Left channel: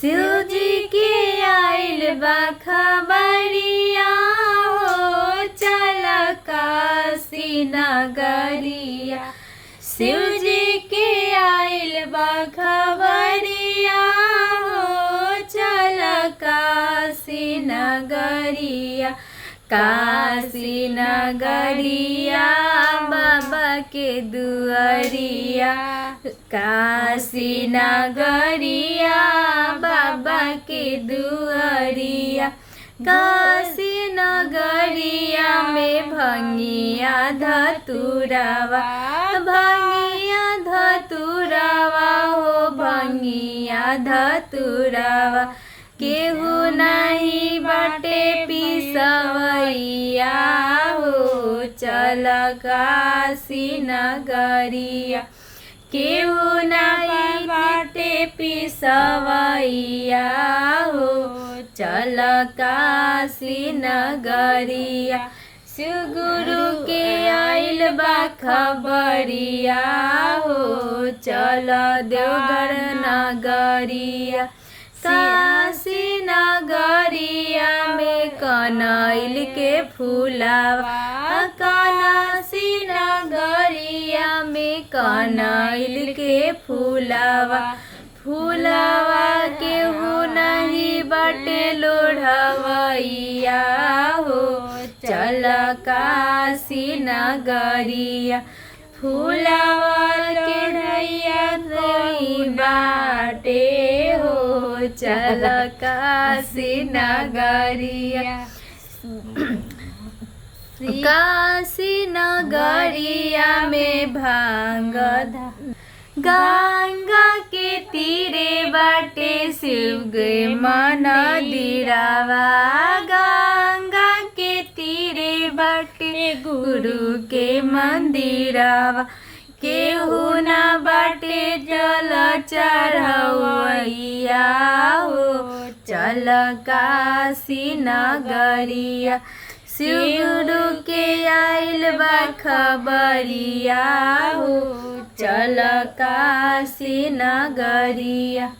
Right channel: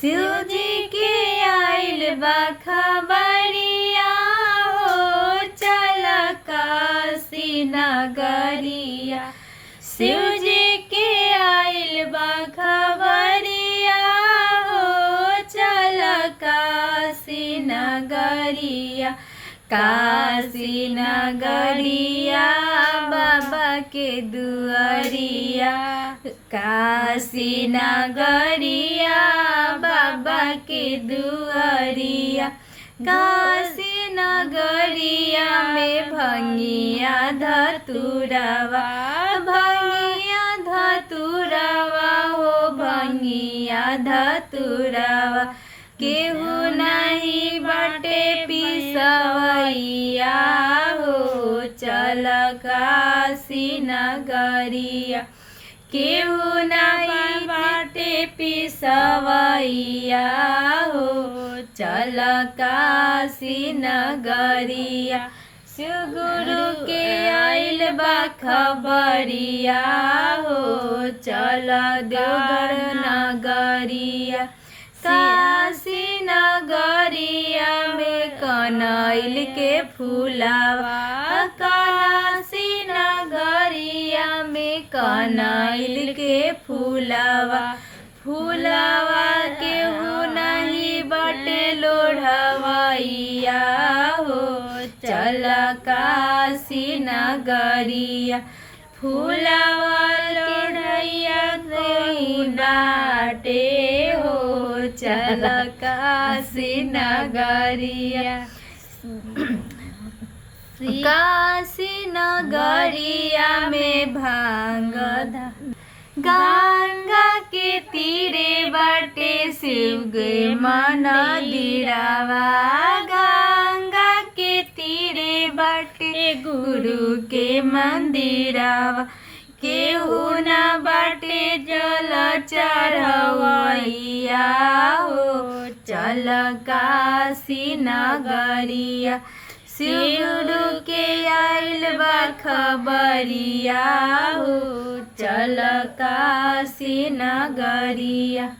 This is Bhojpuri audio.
शिव जी के आइल बा खबरिया हो, चल काशी नगरिया। शिव जी के आइल बा खबरिया हो, चल काशी नगरिया। काशी नगरिया बाबा के दुआरिया। काशी नगरिया बाबा के दुआरिया। काशी नगरिया में भंगिया धतुरवा, भंगिया धतुरवा हो, भंगिया धतुरवा। केहू नहीं बाटे पिसवैया हो, चल काशी नगरिया। केहू नहीं बाटे पिसवैया हो, चल काशी नगरिया। शिव गुरु के आइल बा खबरिया हो, चल देवघर नगरिया। काशी नगरिया में कनैल के फूलवा। काशी नगरिया में कनैल के फूलवा। फूलवा केहू नहीं बाटे लोढ़वैया हो, चल काशी नगरिया। फूलवा लोढ़ैया कोई बाटे हो, चल काशी नगरिया। काशी नगरिया में भांग गंगा के तीरे बाटे शिव के मंदिरवा। गंगा के तीरे बाटे गुरु के मंदिरवा। केहू न बाटे जल चढ़वैया हो, चल काशी नगरिया। शिव गुरु के आइल बा खबरिया हो, चल काशी नगरिया।